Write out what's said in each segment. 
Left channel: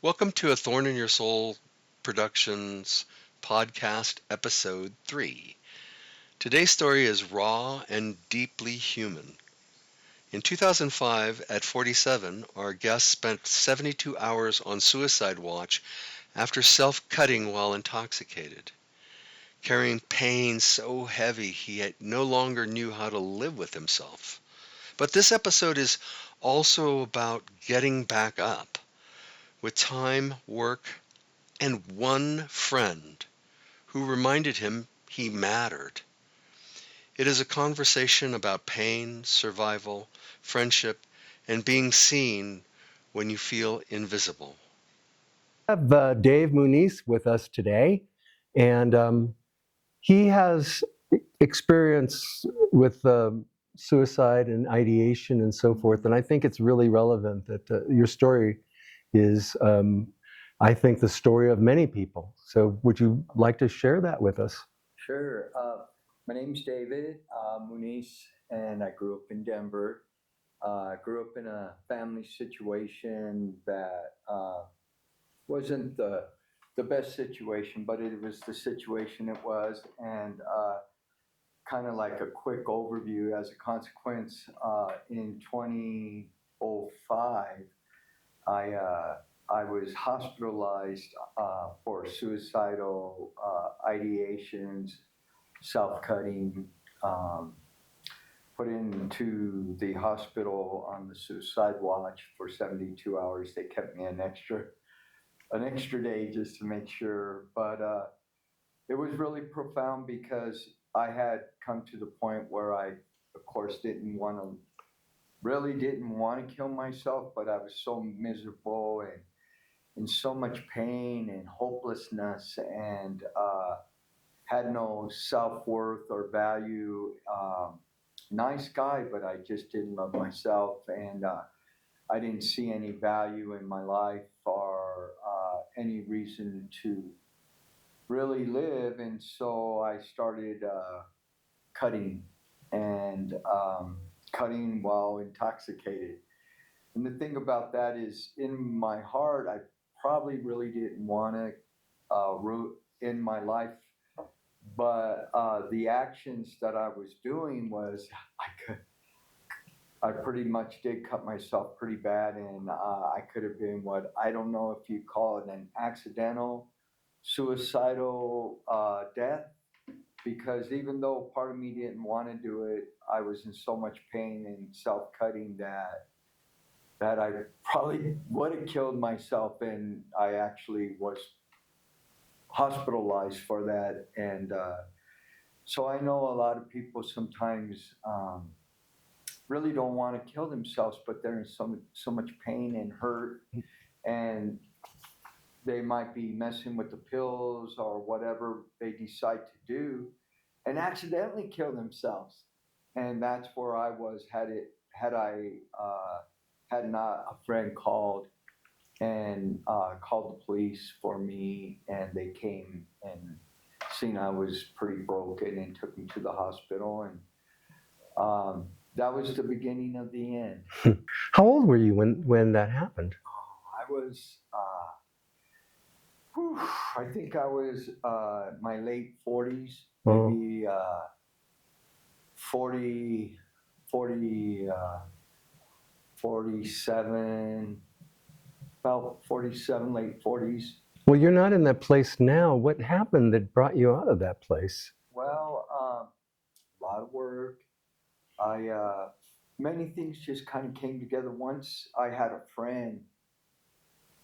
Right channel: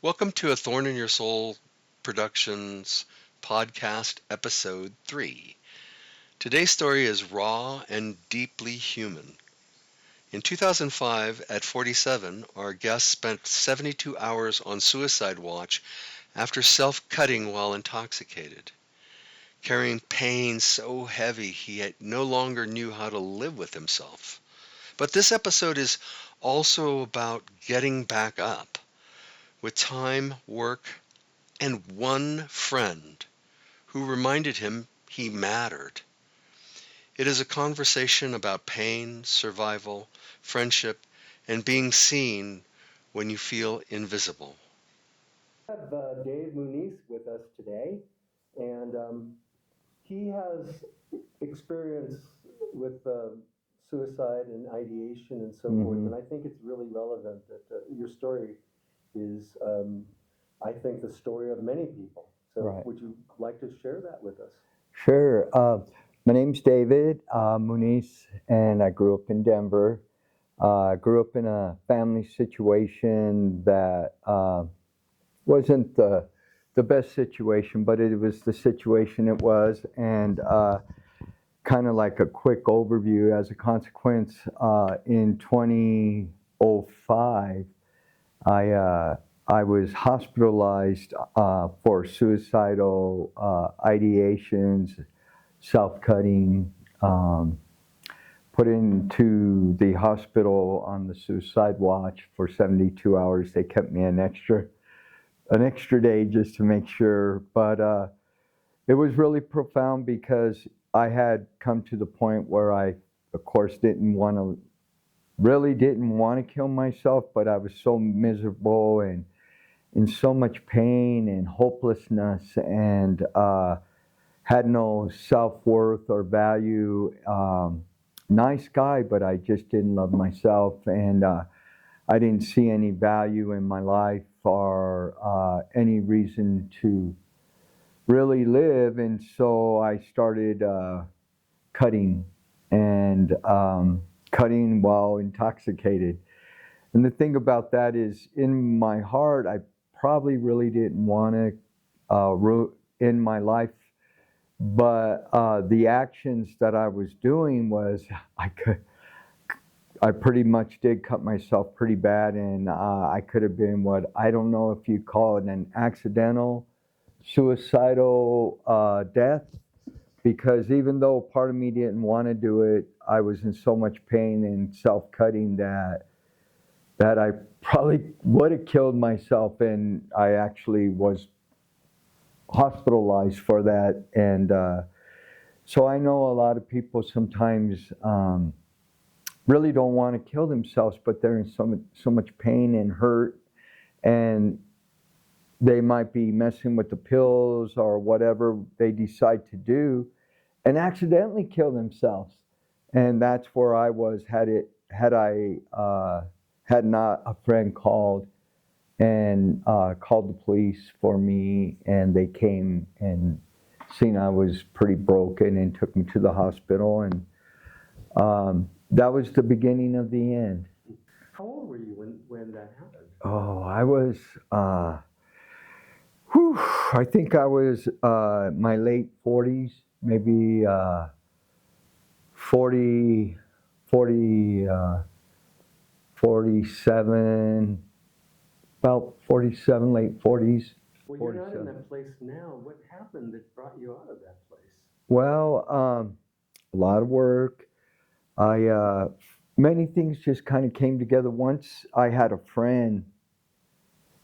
Welcome to a Thorn in Your Soul Productions podcast episode 3. Today's story is raw and deeply human. In 2005, at 47, our guest spent 72 hours on suicide watch after self-cutting while intoxicated, carrying pain so heavy he no longer knew how to live with himself. But this episode is also about getting back up with time, work, and one friend who reminded him he mattered. It is a conversation about pain, survival, friendship, and being seen when you feel invisible. We have Dave Muniz with us today, and he has experience with suicide and ideation and so forth. And I think it's really relevant that your story is, I think, the story of many people. So, Right. would you like to share that with us? Sure. My name's David Muniz, and I grew up in Denver. I grew up in a family situation that wasn't the best situation, but it was the situation it was. And kind of like a quick overview, as a consequence, in 2005, I was hospitalized for suicidal ideations, self-cutting, put into the hospital on the suicide watch for 72 hours. They kept me an extra day just to make sure. But it was really profound because I had come to the point where I, of course, didn't want to kill myself, but I was so miserable and in so much pain and hopelessness, and had no self-worth or value. Nice guy, but I just didn't love myself, and I didn't see any value in my life or any reason to really live. And so I started cutting, and cutting while intoxicated. And the thing about that is, in my heart, I probably really didn't want to end my life. But the actions that I was doing was, I pretty much did cut myself pretty bad, and I could have been what, I don't know if you call it an accidental suicidal death, because even though part of me didn't want to do it, I was in so much pain and self-cutting that I probably would have killed myself, and I actually was hospitalized for that. And so I know a lot of people sometimes really don't want to kill themselves, but they're in so much pain and hurt, and they might be messing with the pills or whatever they decide to do, and accidentally kill themselves. And that's where I was, had not a friend called and called the police for me, and they came and seen I was pretty broken and took me to the hospital, and that was the beginning of the end. How old were you when that happened? Oh, I was, I think I was my late 40s, maybe 40, 47, about 47, late 40s. Well, you're not in that place now. What happened that brought you out of that place? Well, a lot of work. Many things just kind of came together. Once I had a friend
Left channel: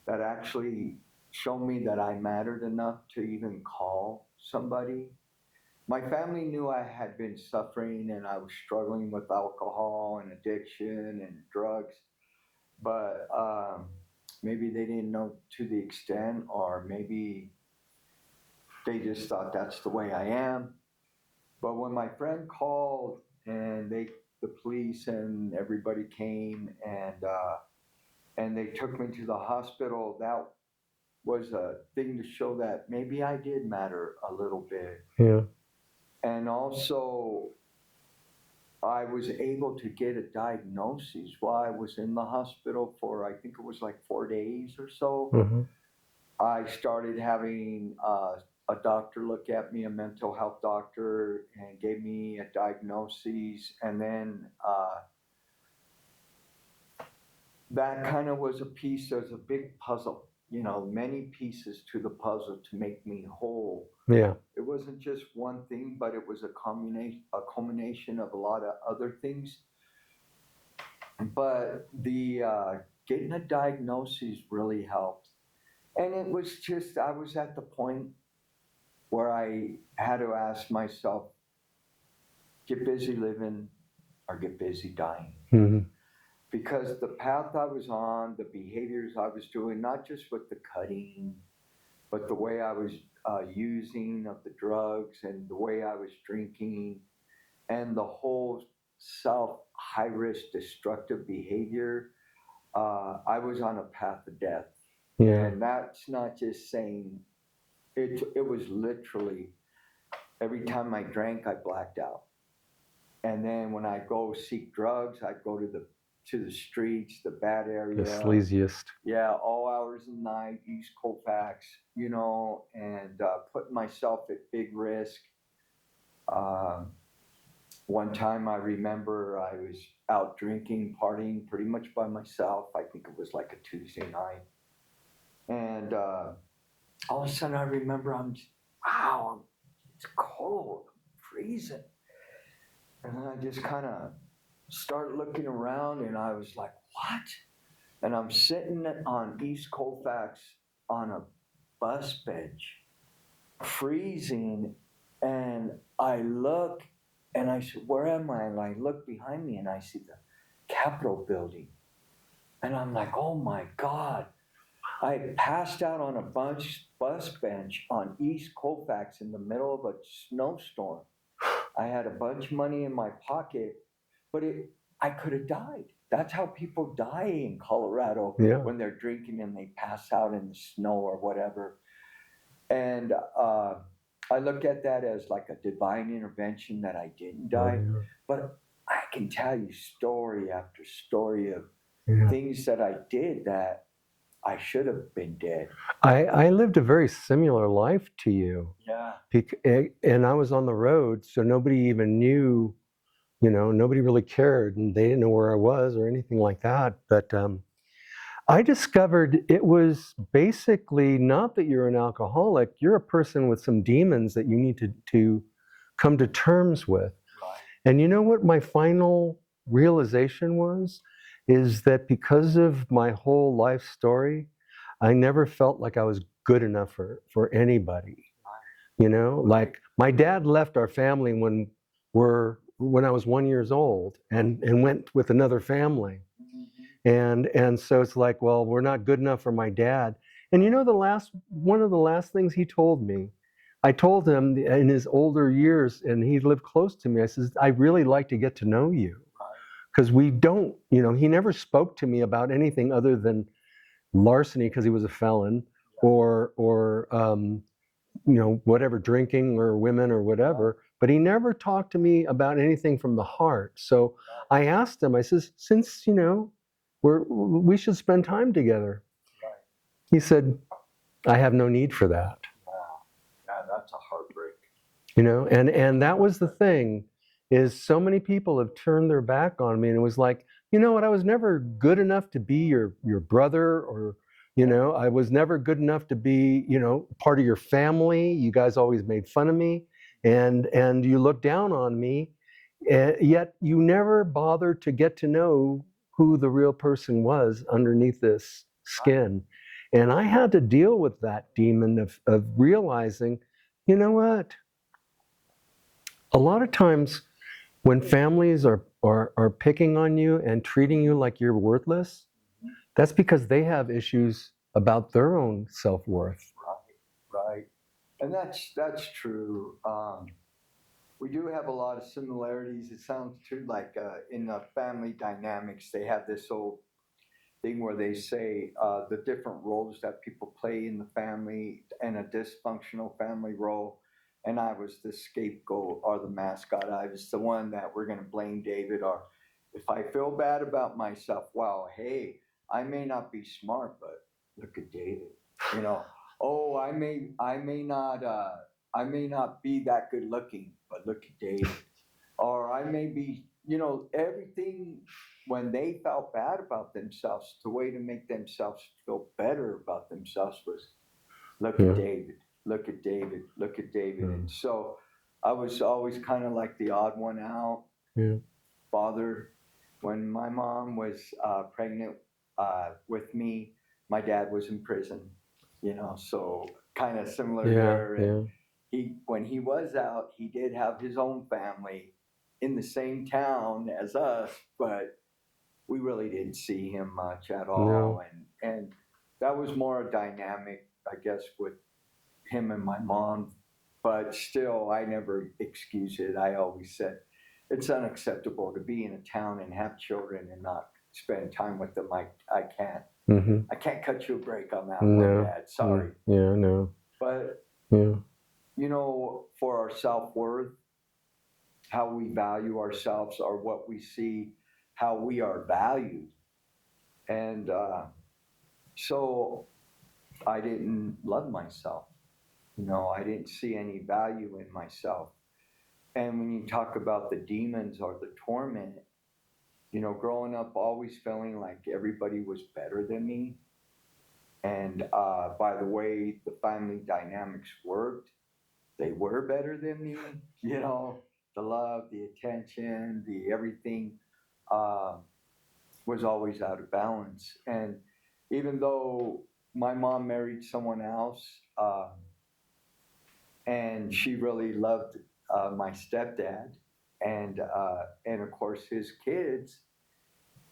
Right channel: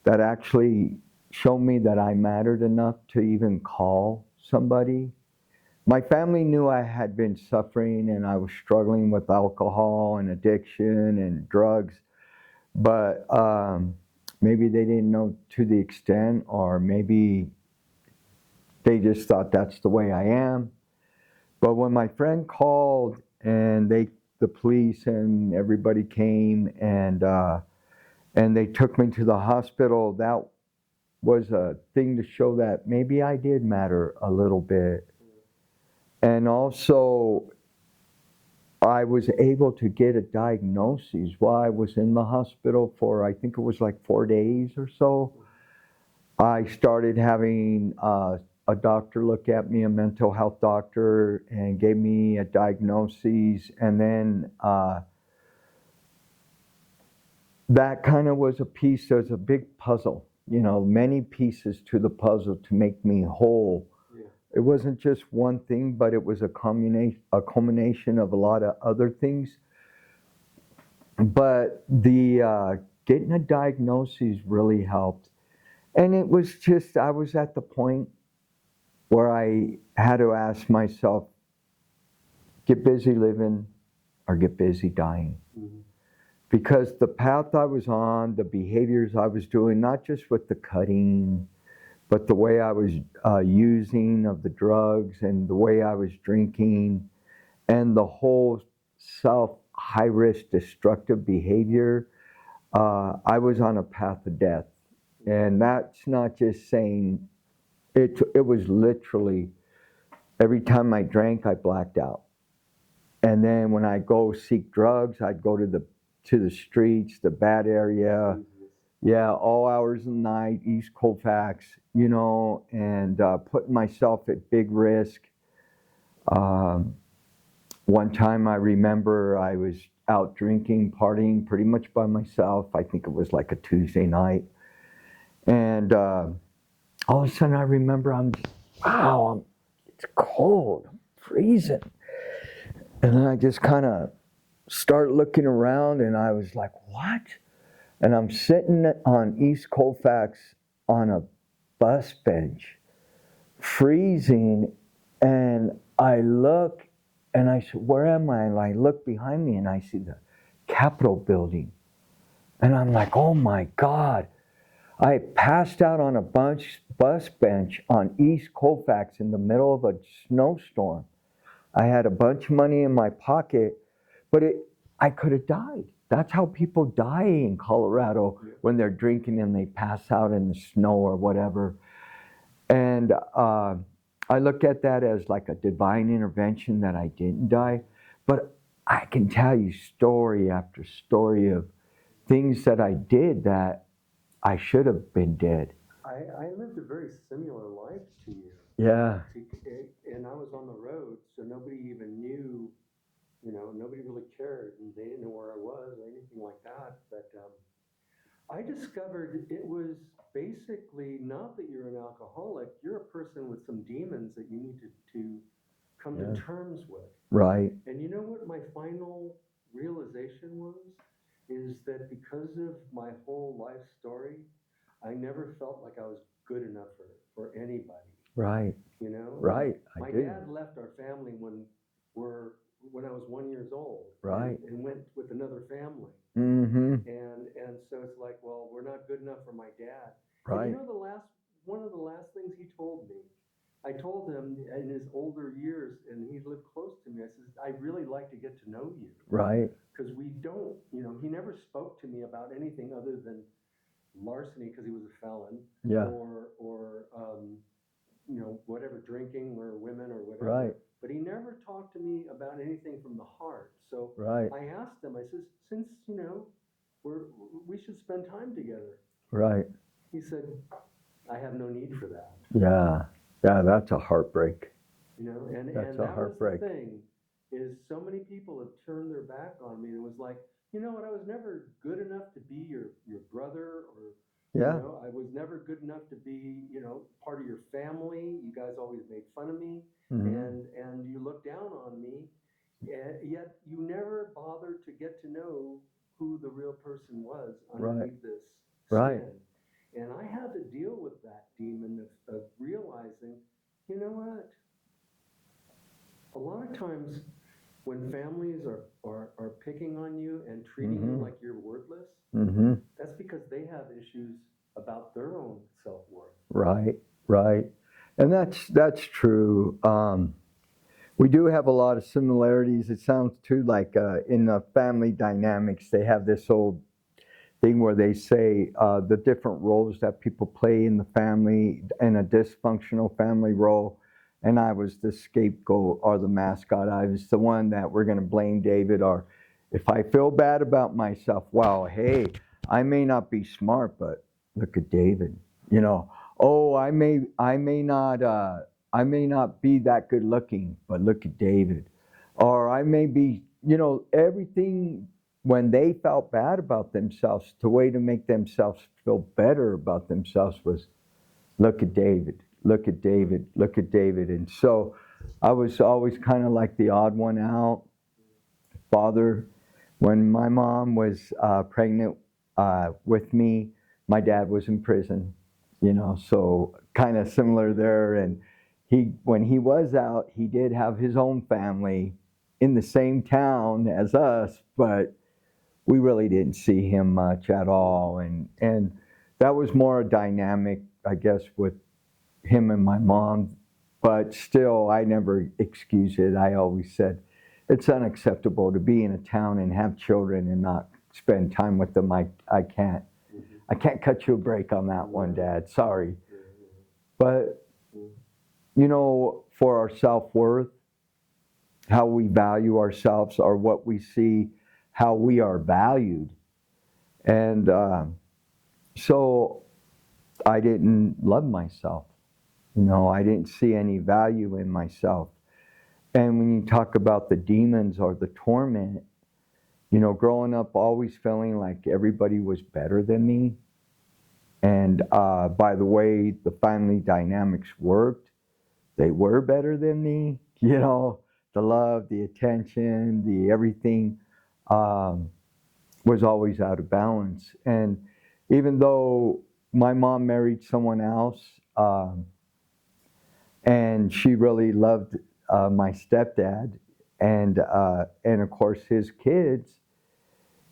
that actually showed me that I mattered enough to even call somebody. My family knew I had been suffering and I was struggling with alcohol and addiction and drugs, but maybe they didn't know to the extent, or maybe they just thought that's the way I am. But when my friend called and the police and everybody came, and they took me to the hospital, that was a thing to show that maybe I did matter a little bit. Yeah. And also, I was able to get a diagnosis while I was in the hospital for, I think it was like 4 days or so. Mm-hmm. I started having a doctor look at me, a mental health doctor, and gave me a diagnosis. And then that kind of was a piece, there's a big puzzle, many pieces to the puzzle to make me whole. Yeah. It wasn't just one thing, but it was a culmination of a lot of other things. But the getting a diagnosis really helped. And it was just, I was at the point where I had to ask myself, get busy living or get busy dying. Mm-hmm. Because the path I was on, the behaviors I was doing, not just with the cutting, but the way I was using of the drugs and the way I was drinking and the whole high-risk destructive behavior, I was on a path to death. Yeah. And that's not just saying, it was literally, every time I drank, I blacked out. And then when I go seek drugs, I'd go to the streets, the bad area. The sleaziest. Yeah, all hours of the night, East Colfax, and putting myself at big risk. One time I remember I was out drinking, partying pretty much by myself. I think it was like a Tuesday night. And all of a sudden I remember it's cold, I'm freezing. And then I just kind of start looking around and I was like, what? And I'm sitting on East Colfax on a bus bench, freezing, and I look and I said, where am I? And I look behind me and I see the Capitol building. And I'm like, oh my God. I passed out on a bus bench on East Colfax in the middle of a snowstorm. I had a bunch of money in my pocket, but I could have died. That's how people die in Colorado when they're drinking and they pass out in the snow or whatever. And I look at that as like a divine intervention that I didn't die. Yeah. But I can tell you story after story of things that I did that I should have been dead. I lived a very similar life to you. Yeah. And I was on the road, so nobody even knew, nobody really cared, and they didn't know where I was or anything like that. But I discovered it was basically not that you're an alcoholic, you're a person with some demons that you need to come to terms with. Right. And you know what my final realization was? Is that because of my whole life story, I never felt like I was good enough for anybody. Right. Right. Like my dad left our family when I was 1 year old, and went with another family. Mm-hmm. And so it's like, well, we're not good enough for my dad. Right. And one of the last things he told me, I told him in his older years, and he lived close to me, I says, I really like to get to know you. Right. Because we don't, he never spoke to me about anything other than larceny because he was a felon, or whatever, drinking or women or whatever. Right. But he never talked to me about anything from the heart. So I asked him, I says, since, we should spend time together. Right. He said, I have no need for that. Yeah. Yeah, that's a heartbreak. And that was the thing, is so many people have turned their back on me, and it was like, you know what, I was never good enough to be your brother, or, I was never good enough to be, part of your family. You guys always made fun of me, and you looked down on me, yet you never bothered to get to know who the real person was underneath this skin. And I had to deal with that demon of realizing, you know what? A lot of times when families are picking on you and treating you like you're worthless, that's because they have issues about their own self-worth. Right. And that's true. We do have a lot of similarities. It sounds too like in the family dynamics, they have this old thing where they say the different roles that people play in the family, in a dysfunctional family role. and I was the scapegoat or the mascot. I was the one that we're going to blame David, or if I feel bad about myself, well, hey, I may not be smart, but look at David. You know, oh, I may not be that good looking, but look at David. Or I may be, you know, everything. When they felt bad about themselves, the way to make themselves feel better about themselves was, look at David, look at David, look at David. And so I was always kind of like the odd one out. Yeah. Father, when my mom was pregnant with me, my dad was in prison, you know, so kind of similar there. And when he was out, he did have his own family in the same town as us, but we really didn't see him much at all. No. And that was more a dynamic, I guess, with him and my mom. But still, I never excused it. I always said, it's unacceptable to be in a town and have children and not spend time with them. I can't. Mm-hmm. I can't cut you a break on that one, Dad. Sorry. Yeah, no. But, you know, for our self-worth, how we value ourselves, or what we see, how we are valued. And so I didn't love myself. You know, I didn't see any value in myself. And when you talk about the demons or the torment, you know, growing up always feeling like everybody was better than me. And by the way the family dynamics worked, they were better than me. You know, the love, the attention, the everything was always out of balance. And even though my mom married someone else, and she really loved my stepdad and of course his kids,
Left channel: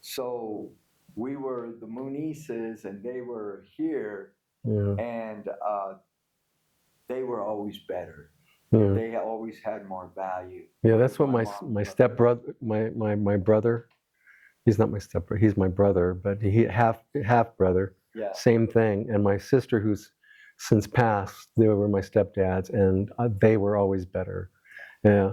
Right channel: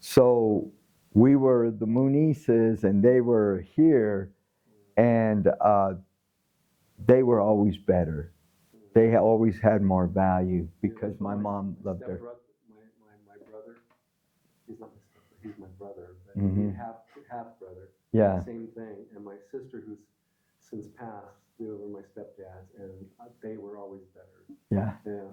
so we were the Munizes and they were here, and they were always better. They always had more value. Yeah, that's what my stepbrother, my brother, he's not my stepbrother, he's my brother, but he half brother. Yeah. Same thing. And my sister, who's since passed, they were my stepdads, and they were always better. Yeah.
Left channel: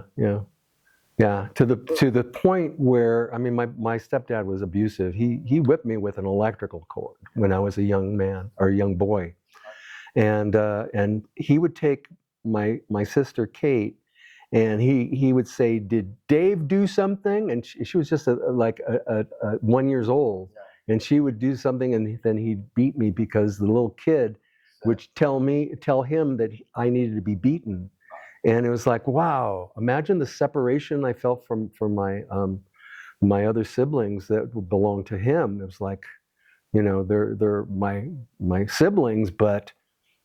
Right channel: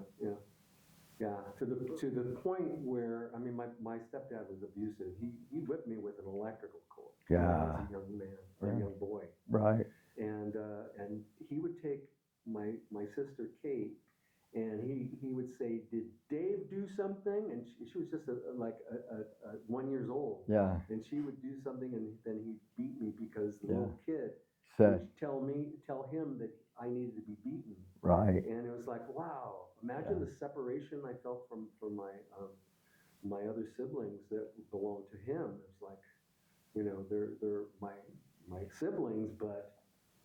To the point where, I mean, my stepdad was abusive. He whipped me with an electrical cord when I was a young man or a young boy. Right. And he would take my sister Kate, and he would say, "Did Dave do something?" And she was just like 1 year old. Yeah. And she would do something, and then he'd beat me because the little kid would tell him that I needed to be beaten. Right. And it was like, wow, imagine the separation I felt from my other siblings that belonged to him. It was like, you know, they're my siblings, but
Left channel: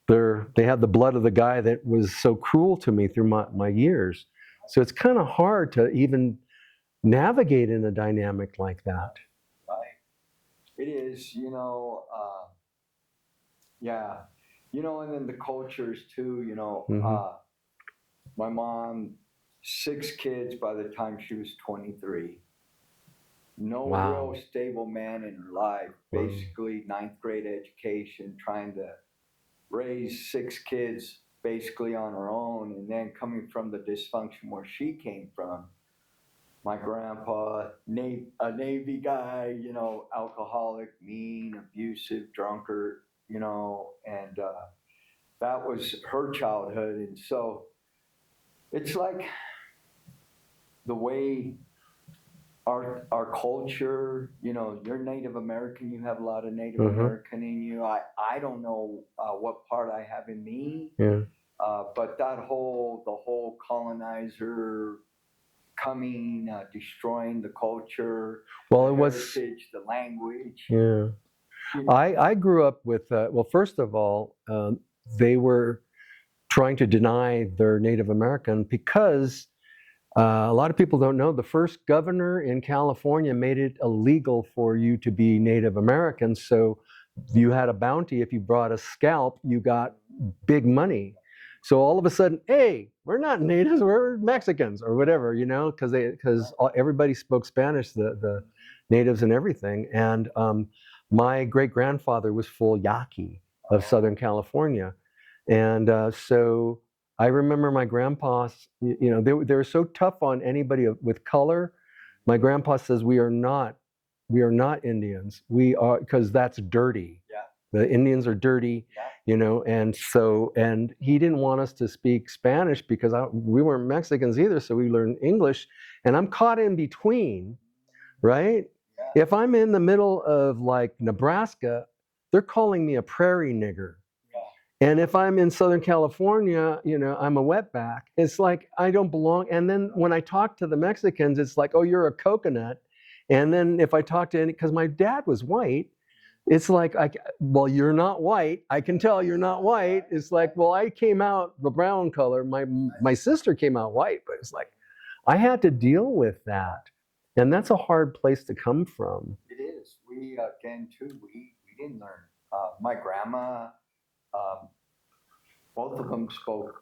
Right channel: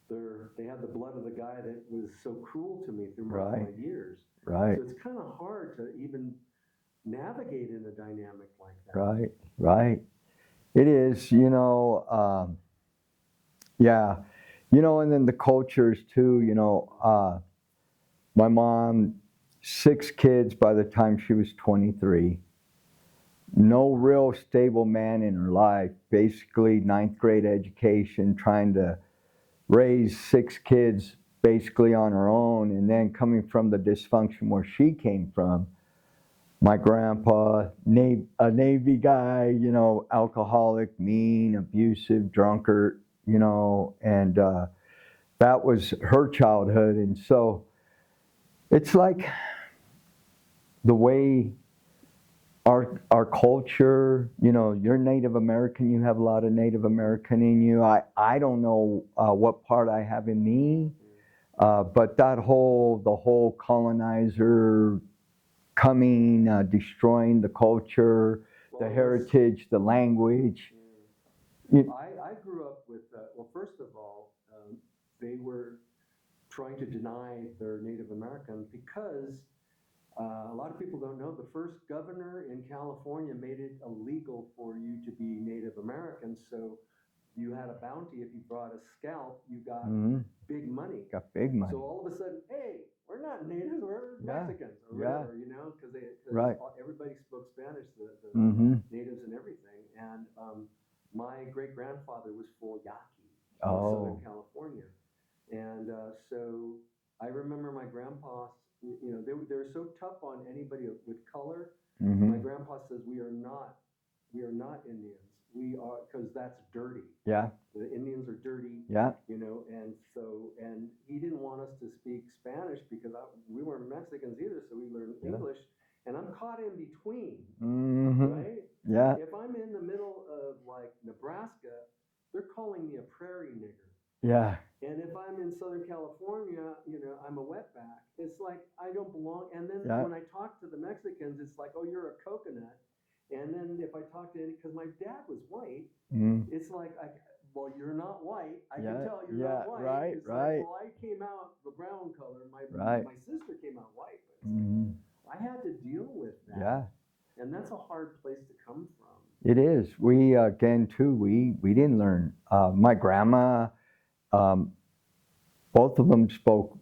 they had the blood of the guy that was so cruel to me through my years. Right. So it's kind of hard to even navigate in a dynamic like that. Right. It is, you know, yeah. You know, and then the cultures too, you know, my mom, 6 kids by the time she was 23. No real stable man in her life. Basically 9th grade education, trying to raise 6 kids basically on her own, and then coming from the dysfunction where she came from. My grandpa, a Navy guy, you know, alcoholic, mean, abusive, drunkard, you know, and that was her childhood. And so it's like the way our culture, you know, you're Native American, you have a lot of Native American in you. I don't know what part I have in me, but the whole colonizer coming, destroying the culture, the heritage, the language. Yeah. I grew up with, well, first of all, they were trying to deny their Native American because a lot of people don't know the first governor in California made it illegal for you to be Native American. So you had a bounty. If you brought a scalp, you got big money. So all of a sudden, hey, we're not natives, we're Mexicans or whatever, you know, because everybody spoke Spanish, the natives and everything. And my great-grandfather was full Yaqui of Southern California. And so I remember my grandpa, they were so tough on anybody with color. Mhm. My grandpa says we are not Indians. We are, because that's dirty. Yeah. The Indians are dirty. Yeah. And he didn't want us to speak Spanish because we weren't Mexicans either, so we learned English. And I'm caught in between, right? Yeah. If I'm in the middle of like Nebraska, they're calling me a prairie nigger. Yeah. And if I'm in Southern California, I'm a wetback. It's like I don't belong. And then when I talk to the Mexicans, it's like, oh, you're a coconut. And then if I talk to because my dad was white, it's like, well, you're not white. I can tell you're not white. Right, it's like, well, I came out the brown color. My sister came out white, but it's like, I had to deal with that. Yeah. And that's a hard place to come from. It is. We, again, too, we didn't learn. My grandma, both of them spoke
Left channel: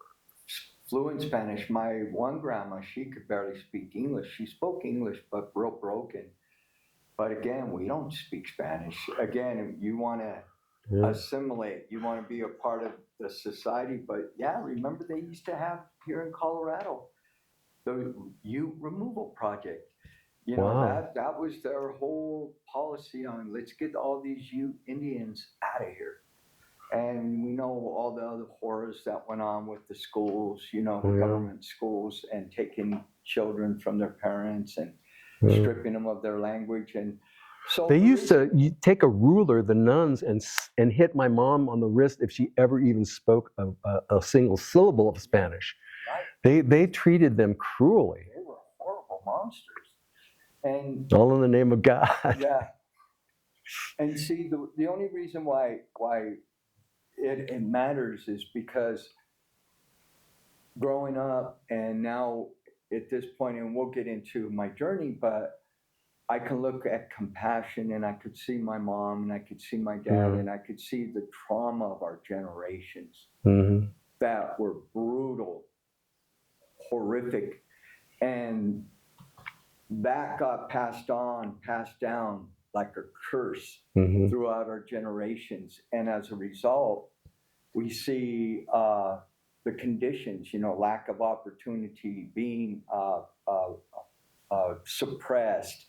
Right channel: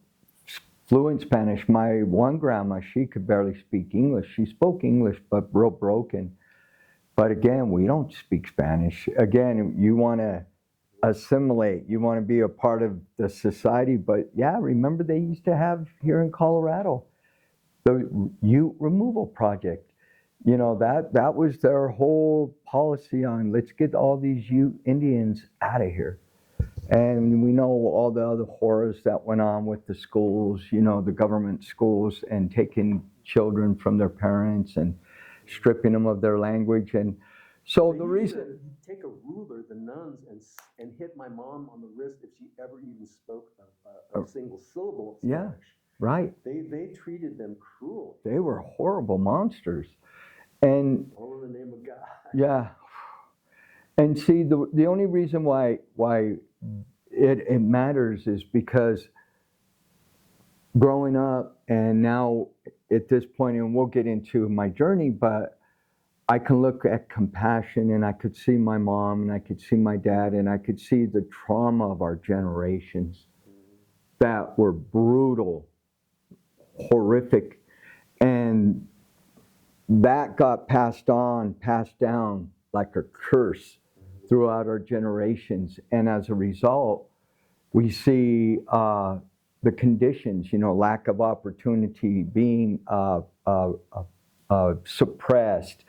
fluent Spanish. My one grandma, she could barely speak English. She spoke English, but real broken. But again, we don't speak Spanish. Again, you want to assimilate. You want to be a part of the society. But yeah, remember they used to have here in Colorado the Ute removal project. That was their whole policy on let's get all these Ute Indians out of here. And we know all the other horrors that went on with the schools, the government schools, and taking children from their parents and stripping them of their language. And so they used to take a ruler, the nuns, and hit my mom on the wrist if she ever even spoke a single syllable of Spanish. Yeah, right. They treated them cruelly. They were horrible monsters. And all in the name of God. Yeah. And see, the only reason why it matters is because growing up and now at this point, and we'll get into my journey, but I can look at compassion and I could see my mom and I could see my dad and I could see the trauma of our generations that were brutal, horrific, and that got passed down like a curse throughout our generations. And as a result, we see the conditions, lack of opportunity, being suppressed,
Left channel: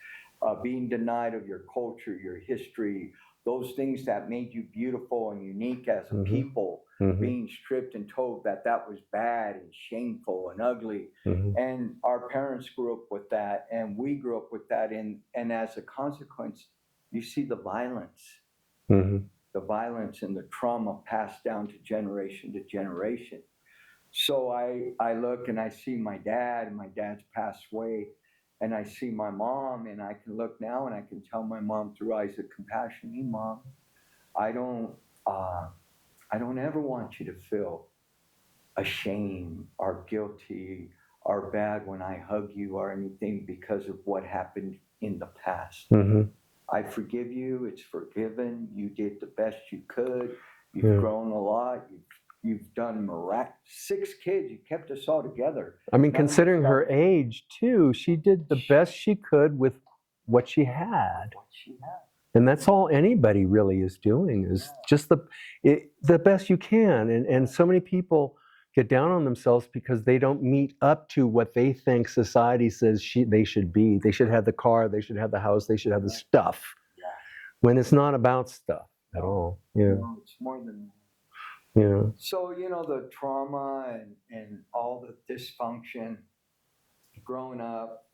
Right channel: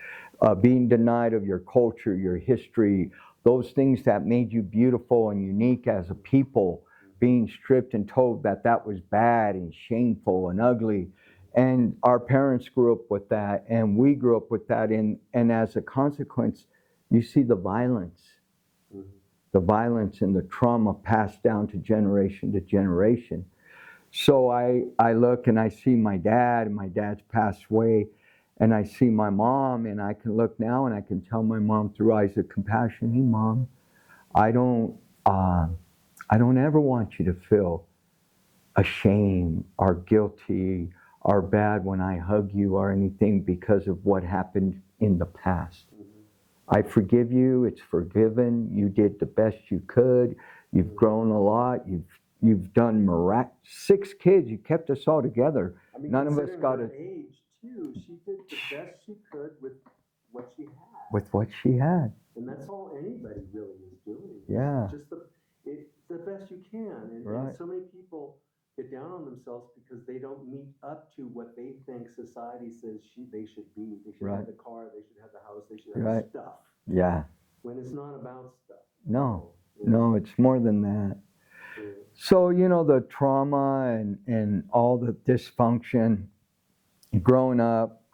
being denied of your culture, your history, those things that made you beautiful and unique as a people, being stripped and told that was bad and shameful and ugly. And our parents grew up with that, and we grew up with that. And as a consequence, you see the violence, the violence and the trauma passed down to generation. So I look and I see my dad, and my dad's passed away, and I see my mom, and I can look now and I can tell my mom through eyes of compassion, hey, Mom, I don't ever want you to feel ashamed or guilty or bad when I hug you or anything because of what happened in the past. I forgive you. It's forgiven. You did the best you could. You've grown a lot. You've done 6 kids. You kept us all together. I mean, considering her age too, she did the best she could with what she had. And that's all anybody really is doing is just the best you can. And so many people get down on themselves because they don't meet up to what they think society says they should be. They should have the car, they should have the house, they should have the stuff. Yeah. When it's not about stuff. No, it's more than that. Yeah. So, the trauma and all the dysfunction growing up,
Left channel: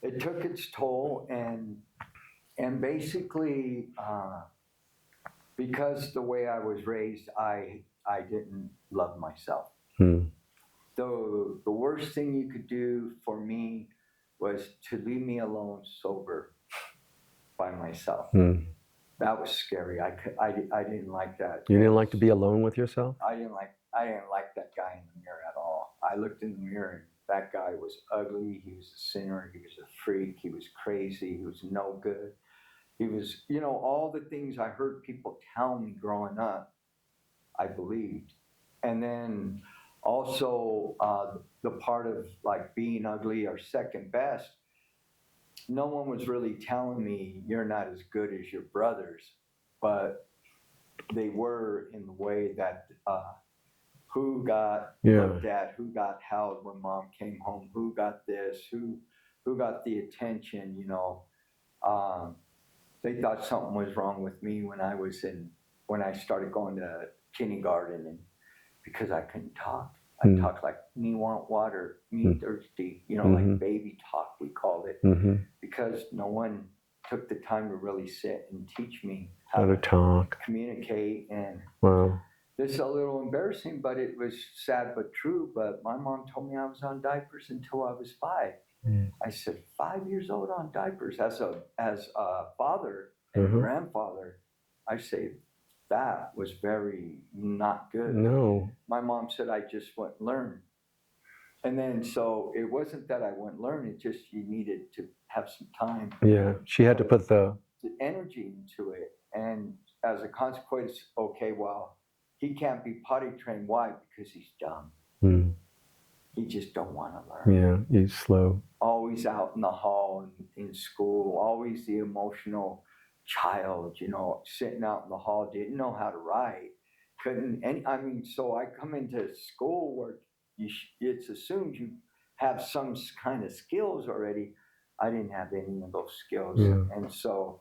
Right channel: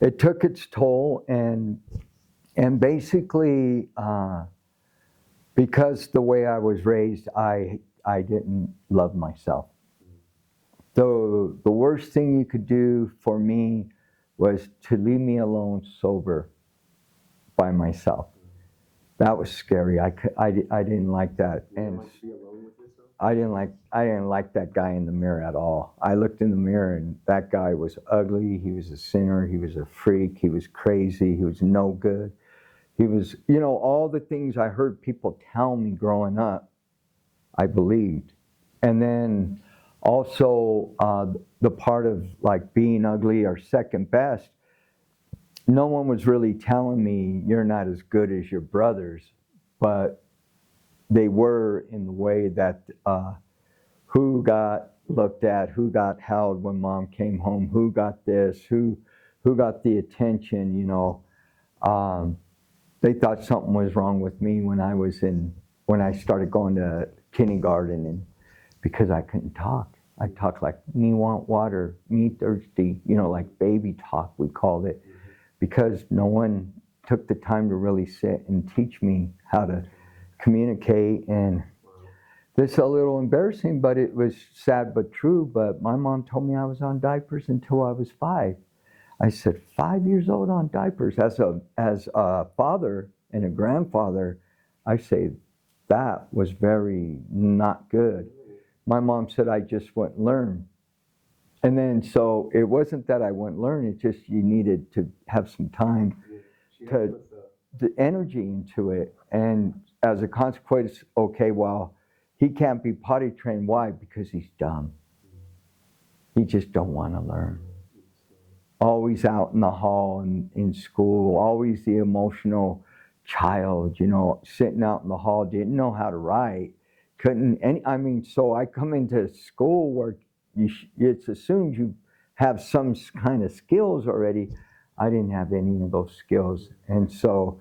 it took its toll, and basically, because the way I was raised, I didn't love myself. The worst thing you could do for me was to leave me alone sober by myself. That was scary. I didn't like that. You didn't like to be alone with yourself? I didn't like that guy in the mirror at all. I looked in the mirror and that guy was ugly. He was a sinner. He was a freak. He was crazy. He was no good. He was, all the things I heard people tell me growing up, I believed. And then also the part of like being ugly or second best, no one was really telling me you're not as good as your brothers, but they were in the way that who got Yeah. looked at, who got held when mom came home, who got this, who got the attention, you know. They thought something was wrong with me when I started going to kindergarten, and because I couldn't talk. I talked like, me want water, me thirsty, you know, like baby talk, we called it, because no one took the time to really sit and teach me how to talk, communicate. And wow. this is a little embarrassing, but it was sad but true. But my mom told me I was on diapers until I was 5. I said, 5 years old on diapers. As a father and a grandfather, I say that was very not good. No. My mom said I just wouldn't learn. And then, so it wasn't that I wouldn't learn, it's just you needed to have some time. Yeah, she had to put the energy into it. And as a consequence, okay, well, he can't be potty trained. Why? Because he's dumb. He just don't want to learn. Yeah, he's slow. Always out in the hall and in school, always the emotional child, you know, sitting out in the hall, didn't know how to write, so I come into school where it's assumed you have some kind of skills already. I didn't have any of those skills. Yeah. And so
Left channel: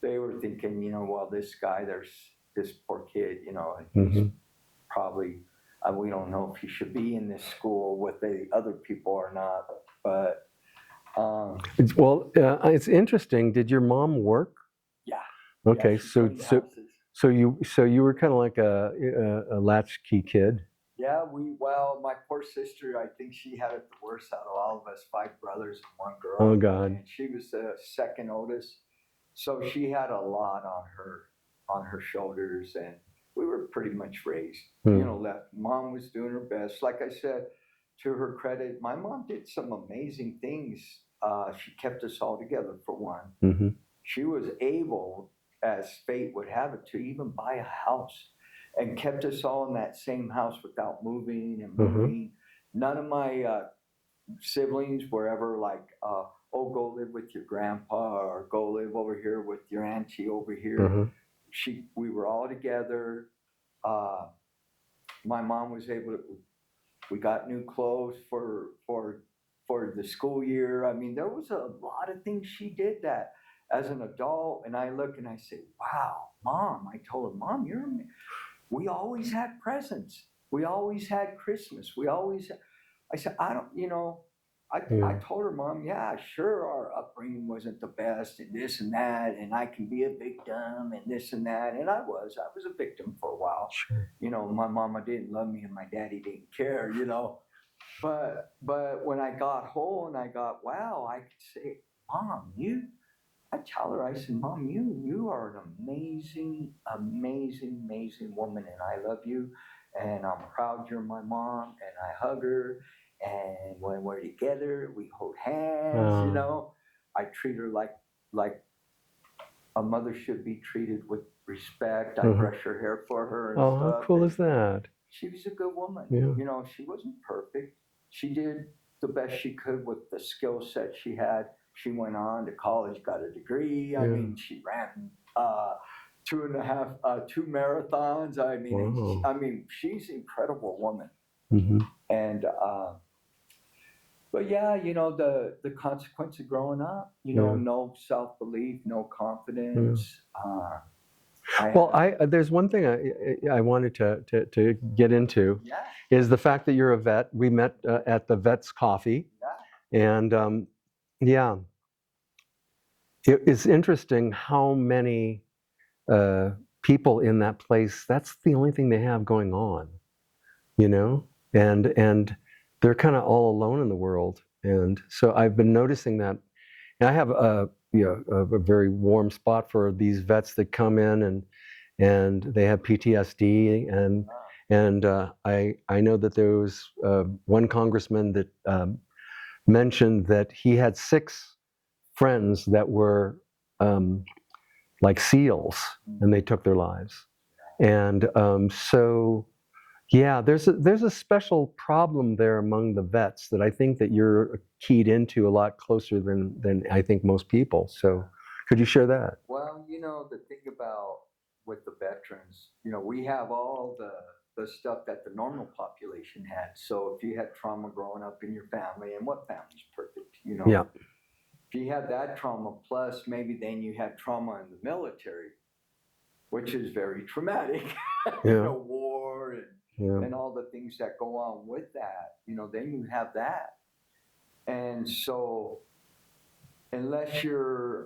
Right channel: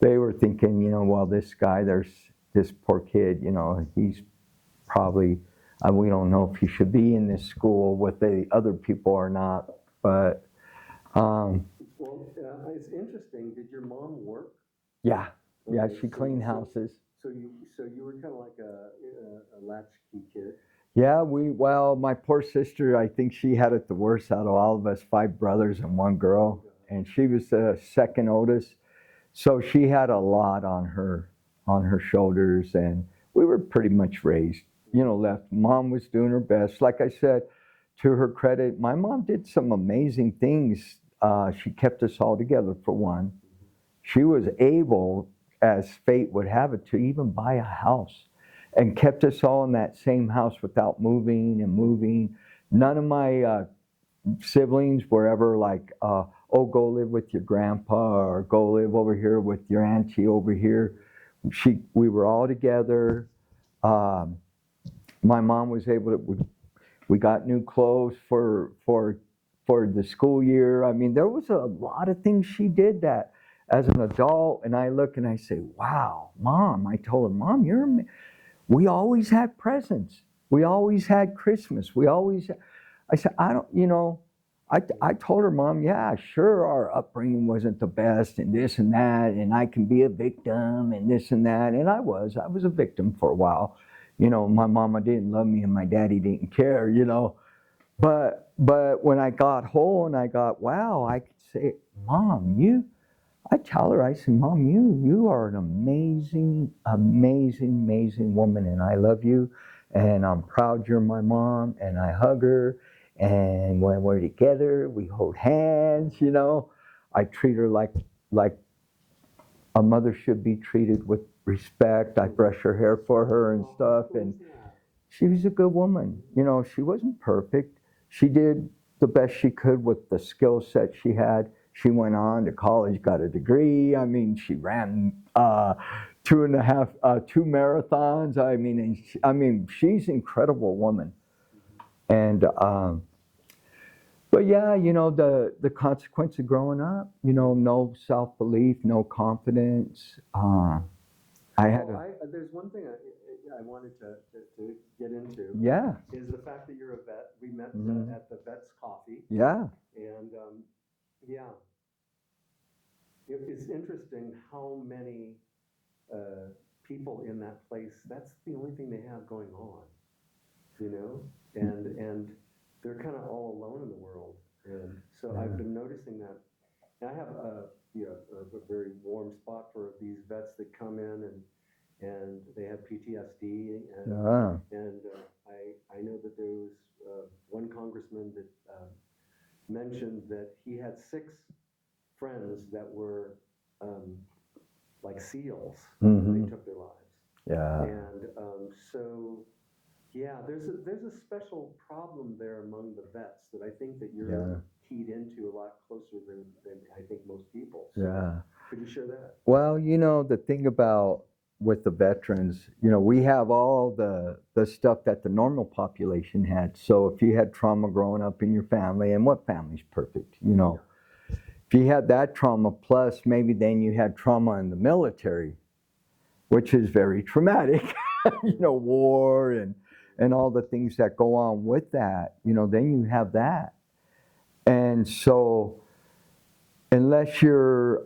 they were thinking, you know, well, this guy, there's this poor kid, you know, he's probably, we don't know if he should be in this school with the other people or not, but. It's interesting. Did your mom work? Yeah. Okay, yeah, she cleaned houses. So you were kind of like a latchkey kid. Yeah, my poor sister, I think she had it the worst out of all of us, 5 brothers and 1 girl. Oh God. And she was the second oldest. So she had a lot on her shoulders, and we were pretty much raised, you know, left. Mom was doing her best. Like I said, to her credit, my mom did some amazing things. She kept us all together, for one. She was able, as fate would have it, to even buy a house and kept us all in that same house without moving and moving. None of my siblings were ever like, go live with your grandpa, or go live over here with your auntie over here. We were all together. My mom was able to, we got new clothes for the school year. I mean, there was a lot of things she did that as an adult, and I look and I say, wow, Mom. I told her, Mom, we always had presents. We always had Christmas. I said, I told her, Mom, yeah, sure, our upbringing wasn't the best and this and that, and I can be a victim and this and that. And I was a victim for a while. Sure. You know, my mama didn't love me and my daddy didn't care, you know. But when I got whole and I got, wow, I could say, Mom, I tell her, I said, Mom, you are an amazing, amazing, amazing woman, and I love you, and I'm proud you're my mom, and I hug her, and when we're together, we hold hands, you know. I treat her like a mother should be treated, with respect. I brush her hair for her and stuff. How cool is that? She was a good woman. Yeah. You know, she wasn't perfect. She did the best she could with the skill set she had. She went on to college, got a degree. I mean, she ran 2 marathons. I mean, she's an incredible woman. And but yeah, you know, the consequence of growing up, you know, no self-belief, no confidence. There's one thing I wanted to get into. Yeah. Is the fact that you're a vet. We met at the Vets Coffee. Yeah. And it's interesting how many people in that place, that's the only thing they have going on, you know? And they're kind of all alone in the world. And so I've been noticing that. And I have a very warm spot for these vets that come in and they have PTSD. And I know that there was one congressman that mentioned that he had 6 friends that were like SEALs, and they took their lives. Yeah. And there's a special problem there among the vets that I think that you're keyed into a lot closer than I think most people. So could you share that? Well, you know, the thing about with the veterans, we have all the stuff that the normal population had. So if you had trauma growing up in your family, and what family's perfect, Yeah. if you had that trauma, plus maybe then you had trauma in the military, which is very traumatic, Yeah. war and Yeah. all the things that go on with that, then you have that. And so unless you're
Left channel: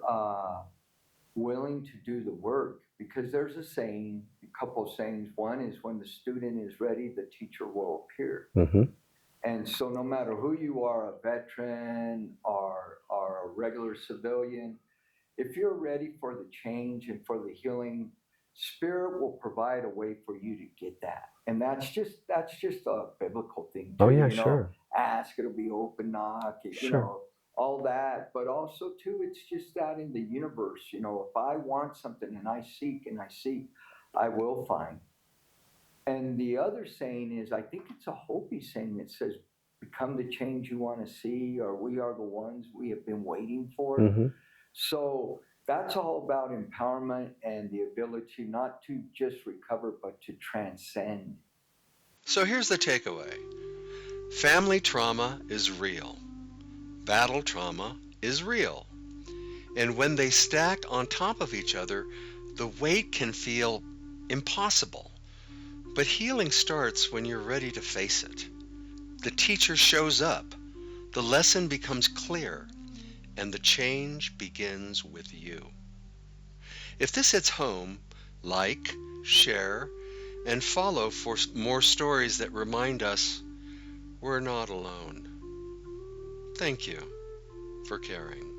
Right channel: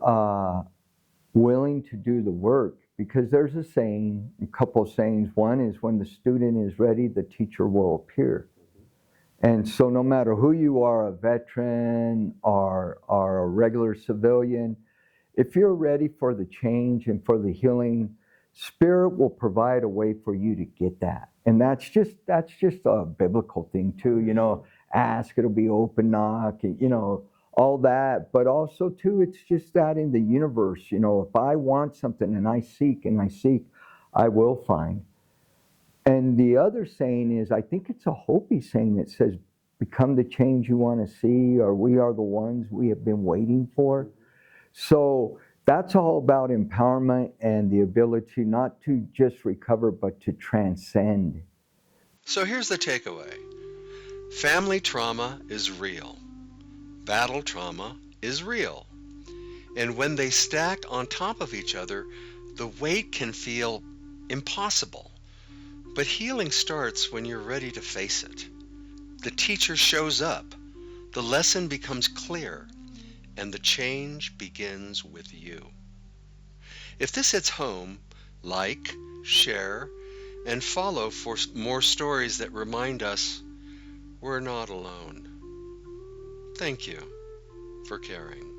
willing to do the work, because there's a couple of sayings. One is, when the student is ready, the teacher will appear. Mm-hmm. And so no matter who you are, a veteran or a regular civilian, if you're ready for the change and for the healing, Spirit will provide a way for you to get that. And that's just a biblical thing too. Oh, yeah, sure. Ask, it'll be open, knock, Sure. all that. But also too, it's just that in the universe, if I want something and I seek, I will find. And the other saying is, I think it's a Hopi saying that says, become the change you want to see, or we are the ones we have been waiting for. Mm-hmm. So that's all about empowerment and the ability not to just recover, but to transcend. So here's the takeaway. Family trauma is real. Battle trauma is real. And when they stack on top of each other, the weight can feel impossible. But healing starts when you're ready to face it. The teacher shows up, the lesson becomes clear, and the change begins with you. If this hits home, like, share, and follow for more stories that remind us we're not alone. Thank you for caring.